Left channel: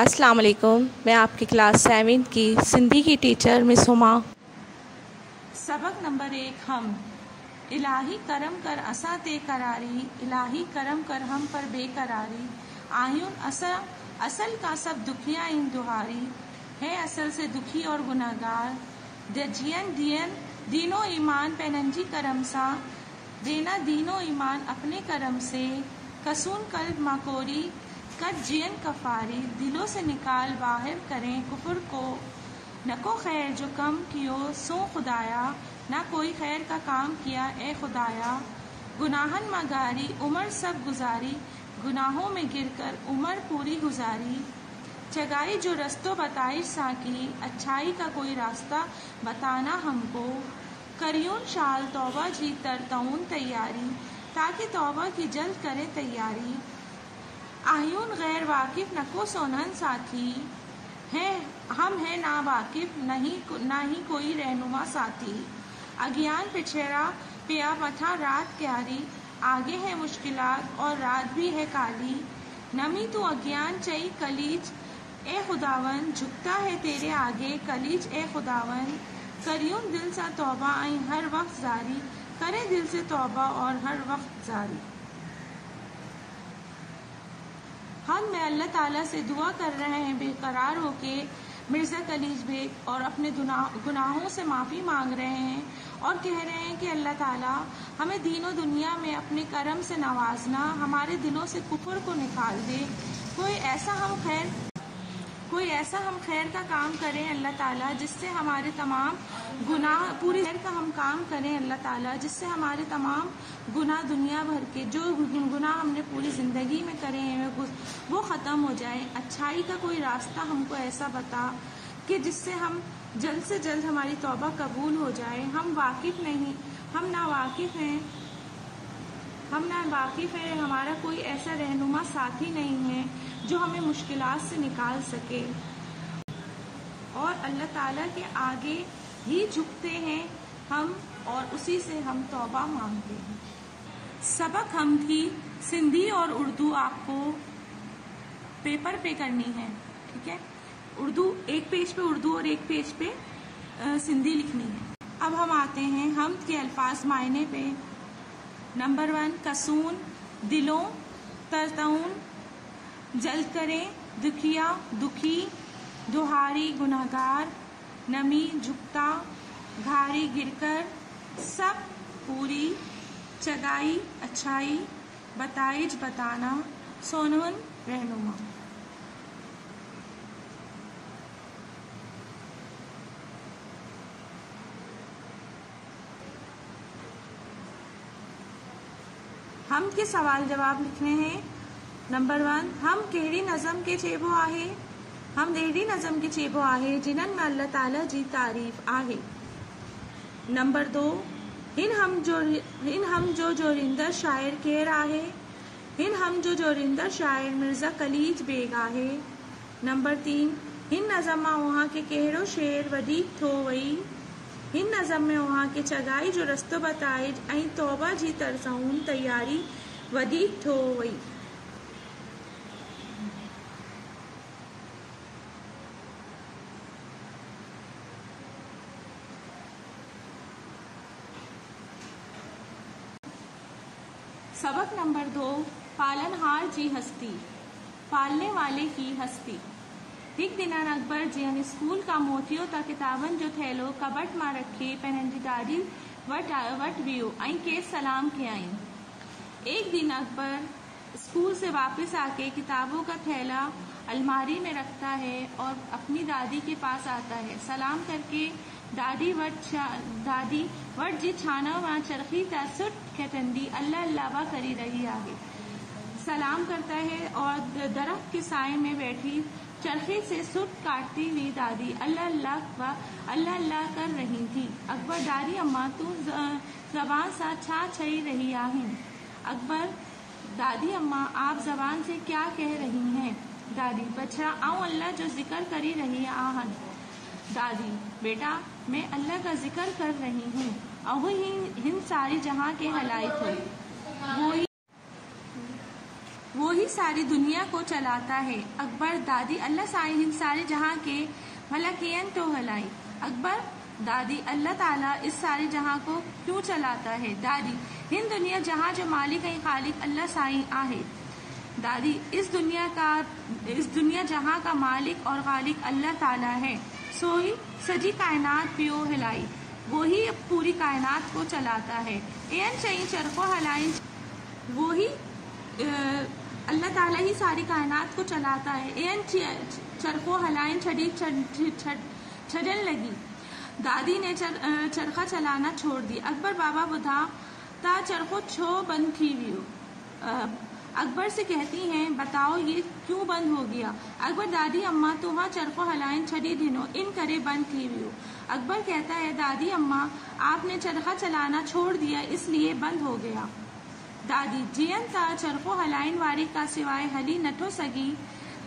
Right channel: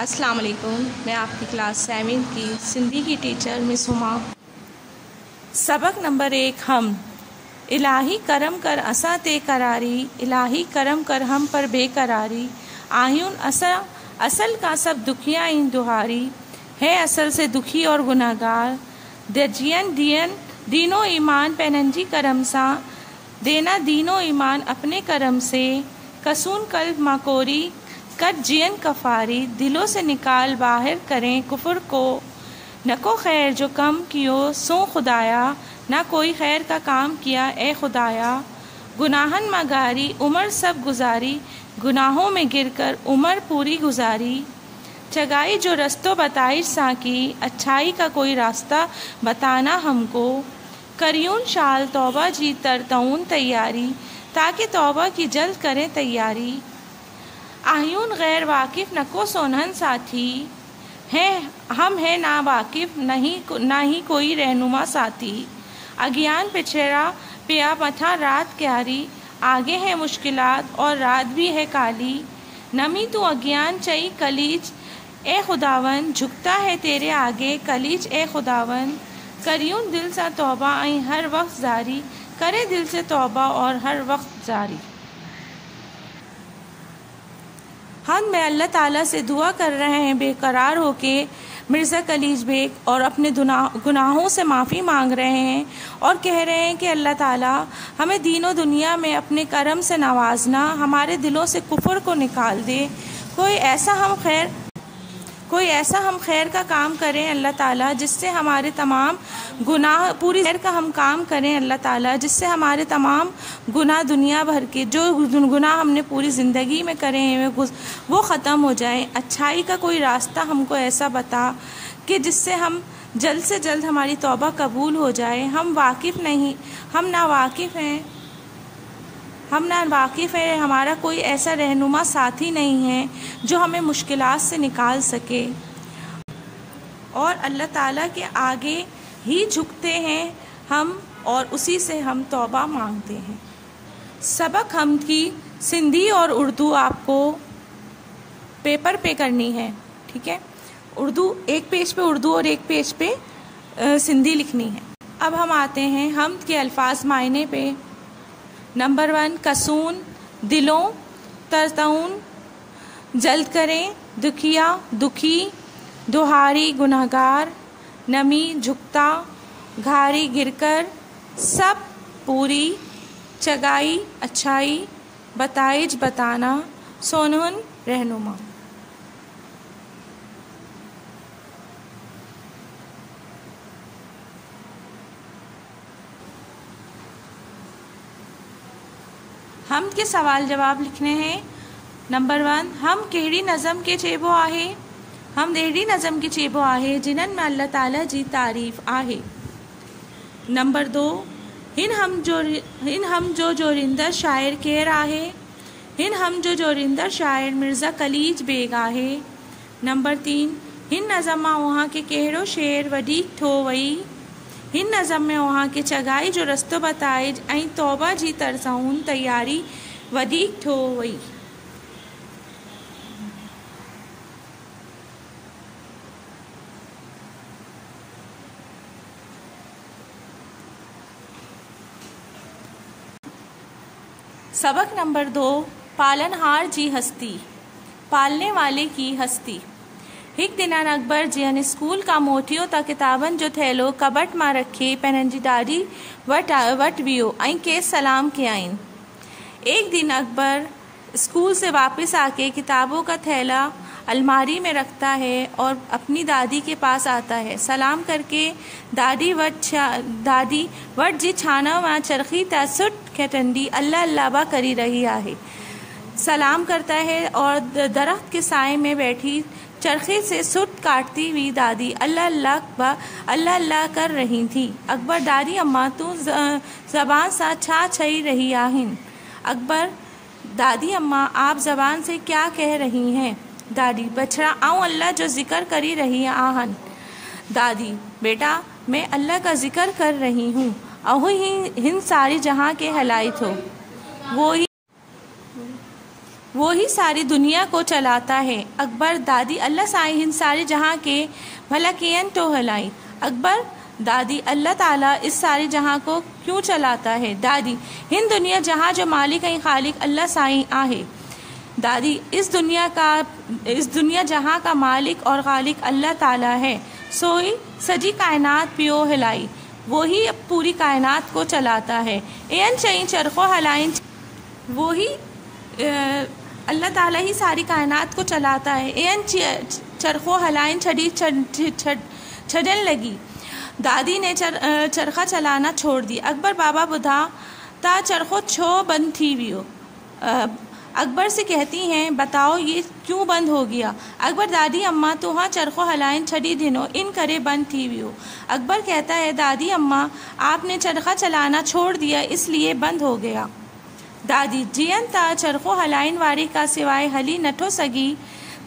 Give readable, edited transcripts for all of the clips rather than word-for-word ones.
السلام علیکم، میں آپ کی کلاس 7 کی سندھی کی ٹیچر مس ہما۔ سبق نمبر 1 ہم۔ الہی کرم کر اساں تے قراری، الہی کرم کر ہم پر بے قراری، آہیون اصل کا سب دکھیاں ان دہاری، ہے اصل سے دکھی اور گناہ گار، دجین دین و ایمان پیننجی کرم ساں، دینا دین و ایمان اپنے کرم سے، کسون قلب ماکوری کٹ جین کفاری، دلوں سے نکال باہر کریں کفر کو، نہ کو خیر جو کم کیو سو خدایا، نہ کوئی خیر کا کام کیا اے خدایا، گناہن مگاری عمر سب گزاری، گناہوں میں گر کر عمر پوری گزاری، چگائی جو رستوں بتائش ساں کی، اچھائی کا کوئی راستہ بتانا ہم کو، کریون شال توبہ جی ترتعون تیاری، تاکہ توبہ کی جلد کریں تیاری، آہیون غیر واقف نہ کو سونہن ساتھی، ہم ہے نا واقف نہ ہی کوئی رہنما ساتھی، اگیان پچھڑا پیا متھا رات کیاری، آگے ہے مشکلات اور رات بھی ہے کالی، نمی تو اگیان چئی کلیج اے خداون، جھکتا ہے تیرے آگے کلیج اے خداون، کریون دل سا توبہ ائیں ہر وقت جاری، کرے دل سے توبہ اور ہر وقت جاری۔ ہم میں اللہ تعالیٰ سے دعا کر رہے ہیں بے قرار ہو کے مرزا کلیج بیگ، اور اپنے گناہوں سے معافی مانگ رہے ہیں اور کہہ رہے ہیں کہ اللہ تعالیٰ ہمیں دین و دنیا میں اپنے کرم سے نوازنا، ہمارے دلوں سے کفر کو نکال دے، کوئی ایسا ہم خیر کا کام کریں اللہ تعالیٰ جس سے ہمارے تمام گناہ پوری خیر کا ہم کام کریں اللہ تعالیٰ جس سے ہمارے تمام گناہ دنیا بھر کے جو گناہ ہم نے پوری زندگی میں کرے ہیں وہ ختم ہو جائیں، اچھائی کا کوئی راستہ ہم کو ایسا بتا کہ جس سے ہم جلد سے جلد ہماری توبہ قبول ہو جائے، ہم ناواقف ہیں، ہمارا کوئی ایسا رہنما ساتھی نہیں ہے جو ہمیں مشکلات سے نکال سکے، اور اللہ تعالیٰ کے آگے ہی جھکتے ہیں ہم اور اسی سے ہم توبہ مانگتے ہیں۔ سبق ہم کی سندھی اور اردو آپ کو پیپر پہ کرنی ہے، ٹھیک ہے؟ اردو ایک پیج پہ اردو اور ایک پیج پہ سندھی لکھنی ہے۔ اب ہم آتے ہیں حمد کے الفاظ معنی پہ۔ نمبر 1 کسون دلوں، ترتعون جلد کریں، دکھیا دکھی، دہاری گناہ گار، نمی جھکتا، گھاری گر کر، سب پوری، چگائی اچھائی، بتائج بتانا، سونہن رہنما۔ حمد کے سوال جواب لکھنے ہیں۔ نمبر 1 ہم کہڑی نظم کے چیبو آہے، ہم اہڑی نظم کے چیبو آہے جنن میں اللہ تعالیٰ جی تعریف آہے۔ نمبر 2 ہن ہم جو جورندر شاعر کیر آہے، ہن ہم جو جورندر شاعر مرزا کلیج بیگ آہے۔ نمبر 3 ہن نظم ماں وہاں کے کہڑو شعر وڈیک ٹھو وئی، ہن نظم میں وہاں کے چگائی جو رستو بتائج ائیں توبہ جی ترسعون تیاری وڈیک ٹھو وئی۔ سبق نمبر 2 پالن ہار جی ہستی، پالنے والے کی ہستی۔ ہک دنان اکبر جین اسکول کا موٹیو تا کتابن جو تھیلو کبٹ ماں رکھے پیننجی ڈاڈی وٹ ویو ائیں کے سلام کے آئین۔ ایک دن اکبر اسکول سے واپس آ کے کتابوں کا تھیلا الماری میں رکھتا ہے اور اپنی دادی کے پاس آتا ہے، سلام کر کے دادی وٹ جی چھانا ماں چرخی تا سٹ کھٹنڈی اللہ اللہ با کری رہی آہے، سلام کرتا ہے اور درخت کے سائے میں بیٹھی چرخی سے سٹ کاٹتی ہوئی دادی اللہ اللہ کر رہی تھی۔ اکبر دادی اماں تو زبان سا چھا چھئی رہی آہن، اکبر دادی اماں آپ زبان سے کیا کہہ رہی ہیں؟ دادی بچڑا آؤں اللہ جو ذکر کری رہی آہن۔ دادی بیٹا میں اللہ کا ذکر کر رہی ہوں، اہو ہی ہن ساری جہاں کے ہلائی تھو، وہی ساری دنیا کو چلاتا ہے۔ اکبر دادی اللہ سائیں ہند سارے جہاں کے بھلا کین تو ہلائی۔ اکبر دادی اللہ تعالیٰ اس سارے جہاں کو کیوں چلاتا ہے؟ دادی ہند دنیا جہاں جو مالک ہے خالق اللہ سائیں آہے۔ دادی اس دنیا جہاں کا مالک اور خالق اللہ تعالیٰ ہے، سوئی سجی کائنات پیو ہلائی، وہی پوری کائنات کو چلاتا ہے۔ این چئی چرخو ہلائن، وہی اللہ تعالیٰ ہی ساری کائنات کو چلاتا ہے۔ این چرخو ہلائن چھڑی چھڑن لگی، دادی نے چرخہ چلانا چھوڑ دی۔ اکبر بابا بدھا تا چرخو چھو بند تھی ویو۔ اکبر سے کہتی ہیں بتاؤ یہ کیوں بند ہو گیا؟ اکبر دادی اماں توہاں چرخو ہلائن چھڑی دنو ان کرے بند تھی ویو۔ اکبر کہتا ہے دادی اماں آپ نے چرخہ چلانا چھوڑ دیا اس لیے بند ہو گیا۔ دادی جین تا چرخو ہلائن واری کا سوائے ہلی نٹھو سگی۔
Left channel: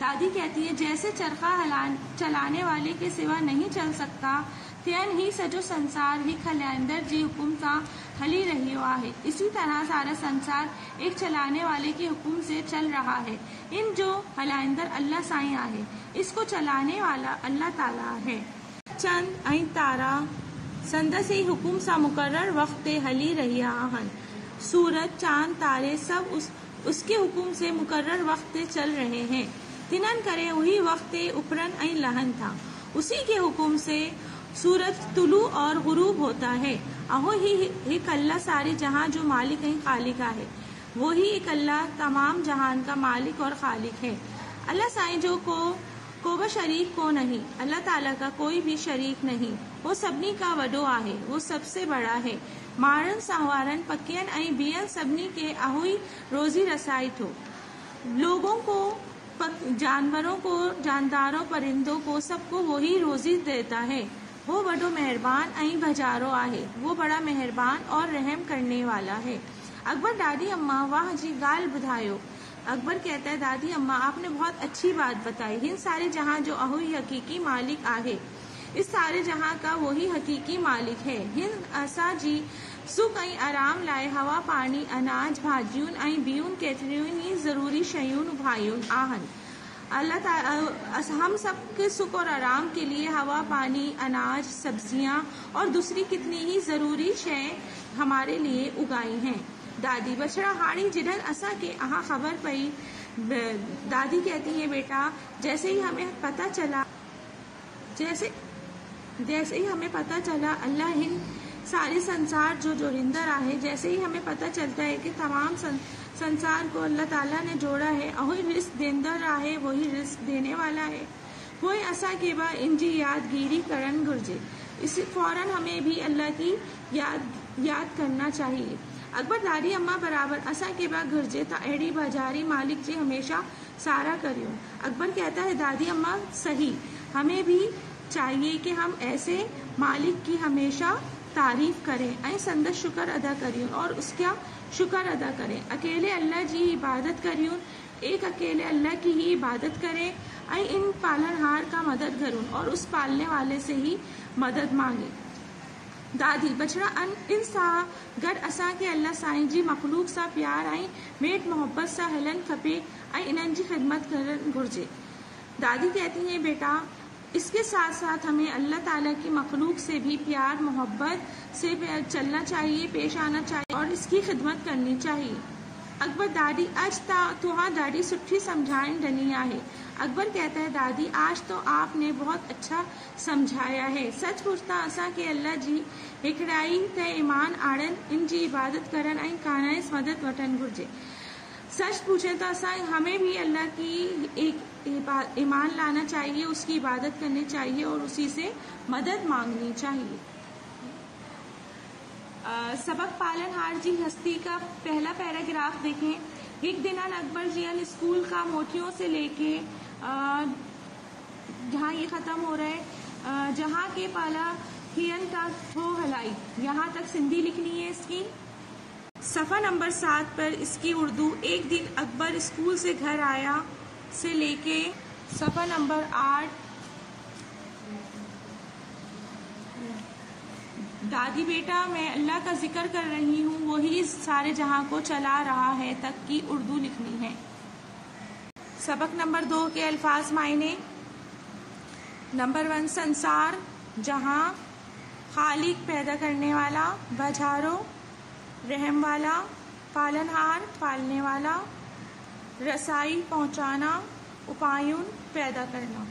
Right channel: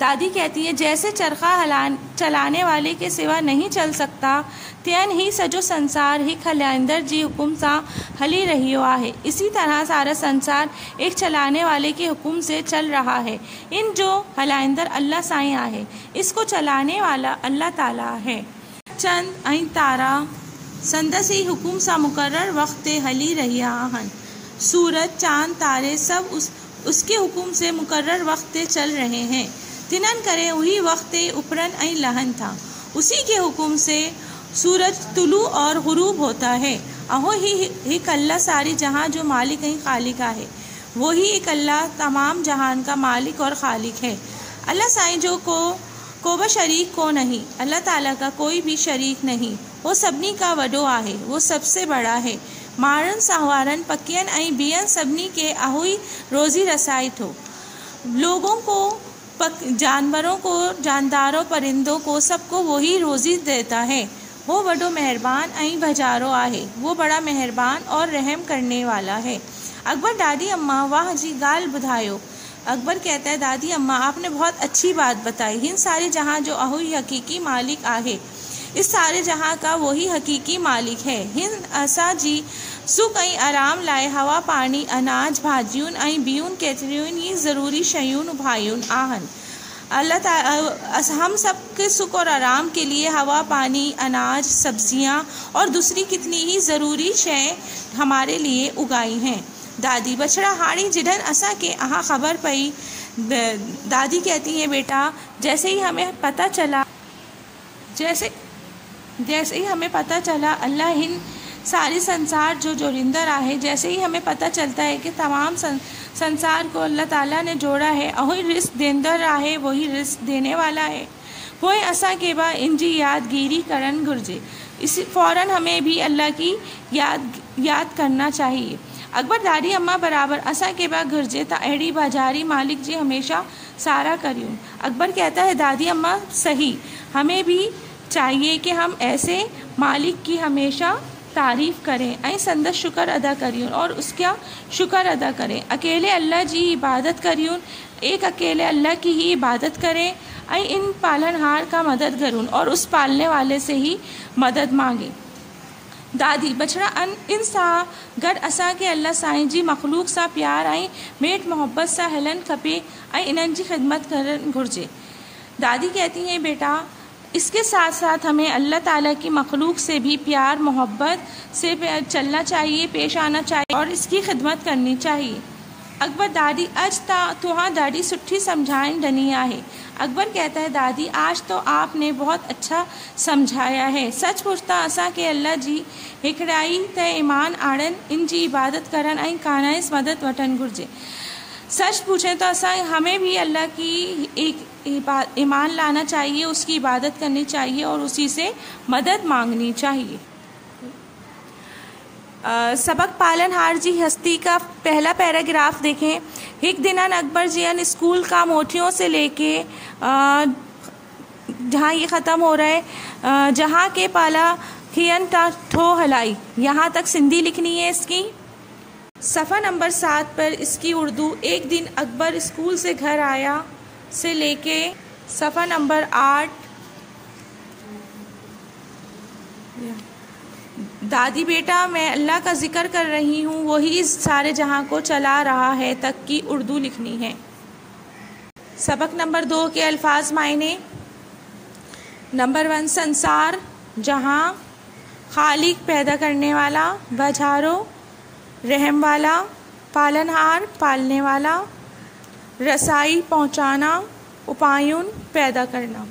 دادی کہتی ہیں جیسے چرخہ چلانے والے کے سوا نہیں چل سکتا، تین ہی سجو سنسار ہی ہلائندر جی حکم سا ہلی رہی ہوا ہے، اسی طرح سارا سنسار ایک چلانے والے کے حکم سے چل رہا ہے۔ ان جو ہلائندر اللہ سائیں ہے، اس کو چلانے والا اللہ تعالیٰ ہے۔ چند این تارا سندس ہی حکم سا مقرر وقت ہلی رہی آہن، سورج چاند تارے سب اس کے حکم سے مقرر وقت چل رہے ہیں۔ تنن کرے وہی وقت اپرن این لہن تھا، اسی کے حکم سے سورج طلوع اور غروب ہوتا ہے۔ اہو ہی ایک اللہ ساری جہاں جو مالک ہیں خالق ہے، وہی ایک اللہ تمام جہان کا مالک اور خالق ہے۔ اللہ سائیں جو کو شریک کو نہیں، اللہ تعالیٰ کا کوئی بھی شریک نہیں، وہ سبنی کا وڈو ہے، وہ سب سے بڑا ہے۔ مارن سہوارن پکین این بیان سبنی کے اہوئی روزی رسائی تھو، لوگوں کو جانوروں کو جانداروں پرندوں کو سب کو وہی روزی دیتا ہے۔ وہ بڑو مہربان این بھجارو آہے، وہ بڑا مہربان اور رحم کرنے والا ہے۔ اکبر دادی اماں واہ جی گال بدھایو۔ اکبر کہتا ہے دادی اماں آپ نے بہت اچھی بات بتائی۔ ہند سارے جہاں جو اہوئی حقیقی مالک آہے، اس سارے جہاں کا وہی حقیقی مالک ہے۔ ہند اسا جی سکھ این آرام لائے ہوا پانی اناج بھاجیون این بیون کیتریون یہ ضروری شیون بھائیون آہن۔ اللہ تعالیٰ ہم سب کے سکھ اور آرام کے لیے ہوا پانی اناج سبزیاں اور دوسری کتنی ہی ضروری شے ہمارے لیے اگائی ہیں۔ دادی بچڑا ہاڑی جڈن اسا کے اہاں خبر پئی۔ دادی کہتی ہیں بیٹا جیسے ہی ہمیں پتہ چلا اللہ ہند ساری سنسار جو جوڑندر آہے، جیسے ہی ہمیں پتہ چلتا ہے کہ تمام سنسار کو اللہ تعالیٰ نے جوڑا ہے، اہوئی رزق دیندر آہے، وہی رزق دینے والا ہے، ہوئے اسا کے با انجی یاد گیری کرن گرجے، فوراً ہمیں بھی اللہ کی یاد کرنا چاہیے۔ اکبر دادی اماں برابر اسا کے با گرجے تا ایڑی باجاری مالک جی ہمیشہ سارا کریون۔ اکبر کہتا ہے دادی اماں صحیح، ہمیں بھی چاہیے کہ ہم ایسے مالک کی ہمیشہ تعریف کریں، این سندس شکر ادا کریون اور اس کا شکر ادا کریں۔ اکیلے اللہ جی عبادت کریون، ایک اکیلے اللہ کی ہی عبادت کریں، این ان پالنہار کا مدد کرون اور اس پالنے والے سے ہی مدد مانگیں۔ دادی بچڑا ان سا گڑ اسا کے اللہ سائیں جی مخلوق سا پیار این میٹ محبت سا ہلن کھپے این انہن جی خدمت کرن گھرجے۔ دادی کہتی ہیں بیٹا اس کے ساتھ ساتھ ہمیں اللہ تعالیٰ کی مخلوق سے بھی پیار محبت سے چلنا چاہیے، پیش آنا چاہیے اور اس کی خدمت کرنی چاہیے۔ اکبر دادی اج تا توہاں دادی سٹھی سمجھائن ڈنی آہے۔ اکبر کہتا ہے دادی آج تو آپ نے بہت اچھا سمجھایا ہے، سچ پوچھتا اسا کہ اللہ جی ہکڑائی تے ایمان آڑن ان جی عبادت کرن این کانائس مدد وٹن گرجے۔ سچ پوچھیں تو اسا ہمیں بھی اللہ کی ایمان لانا چاہیے، اس کی عبادت کرنی چاہیے اور اسی سے مدد مانگنی چاہیے۔ سبق پالن ہار جی ہستی کا پہلا پیراگراف دیکھیں۔ ایک دنان اکبر جیان اسکول کا موٹیوں سے لے کے جہاں یہ ختم ہو رہا ہے جہاں کے پالا کھین تا ٹھو ہلائی، یہاں تک سندھی لکھنی ہے اس کی۔ صفحہ نمبر 7 پر اس کی اردو۔ ایک دن اکبر اسکول سے گھر آیا سے لے کے صفحہ نمبر 8۔ دادی بیٹا میں اللہ کا ذکر کر رہی ہوں، وہی اس سارے جہاں کو چلا رہا ہے تک کی اردو لکھنی ہے۔ سبق نمبر 2 کے الفاظ معنی. نمبر 1 سنسار جہاں، خالق پیدا کرنے والا، بجھارو رحم والا، پالنہار پالنے والا، رسائی پہنچانا، اپایون پیدا کرنا.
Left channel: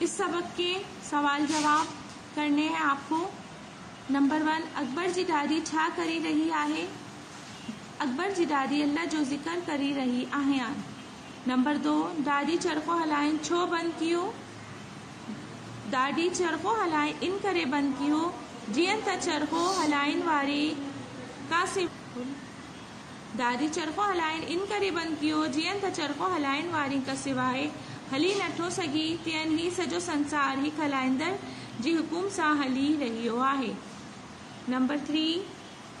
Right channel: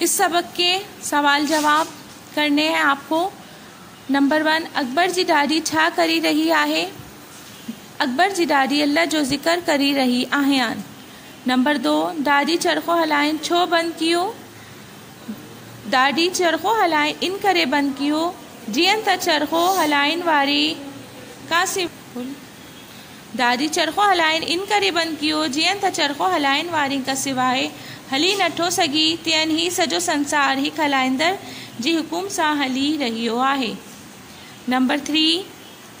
اس سبق کے سوال جواب کرنے ہیں آپ کو. نمبر 1 اکبر جی ڈاڈی چھا کری رہی آہے. اکبر جی ڈاڈی اللہ جو ذکر کری رہی آہیان. نمبر 2 ڈاڈی چرخو ہلائن چھو بند کیو. ڈاڈی چرخو ہلائن ان کرے بند کیو جین تا چرخو ہلائن واری کا ڈاڈی چرخو ہلائن ان کرے بند کیو جین تا چرخو ہلائن واری کا سوائے ہلی نٹھو سگی تین ہی سجو سنسار ہی کھلائندر جی حکم سا ہلی رہیو آہے. نمبر 3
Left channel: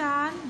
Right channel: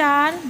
4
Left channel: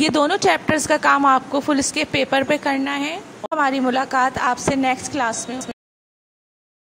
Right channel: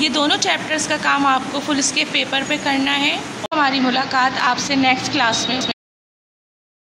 یہ دونوں چیپٹرز کا کام آپ کو فل اسکیپ پیپر پہ کرنا ہے. ہماری ملاقات آپ سے نیکسٹ کلاس میں.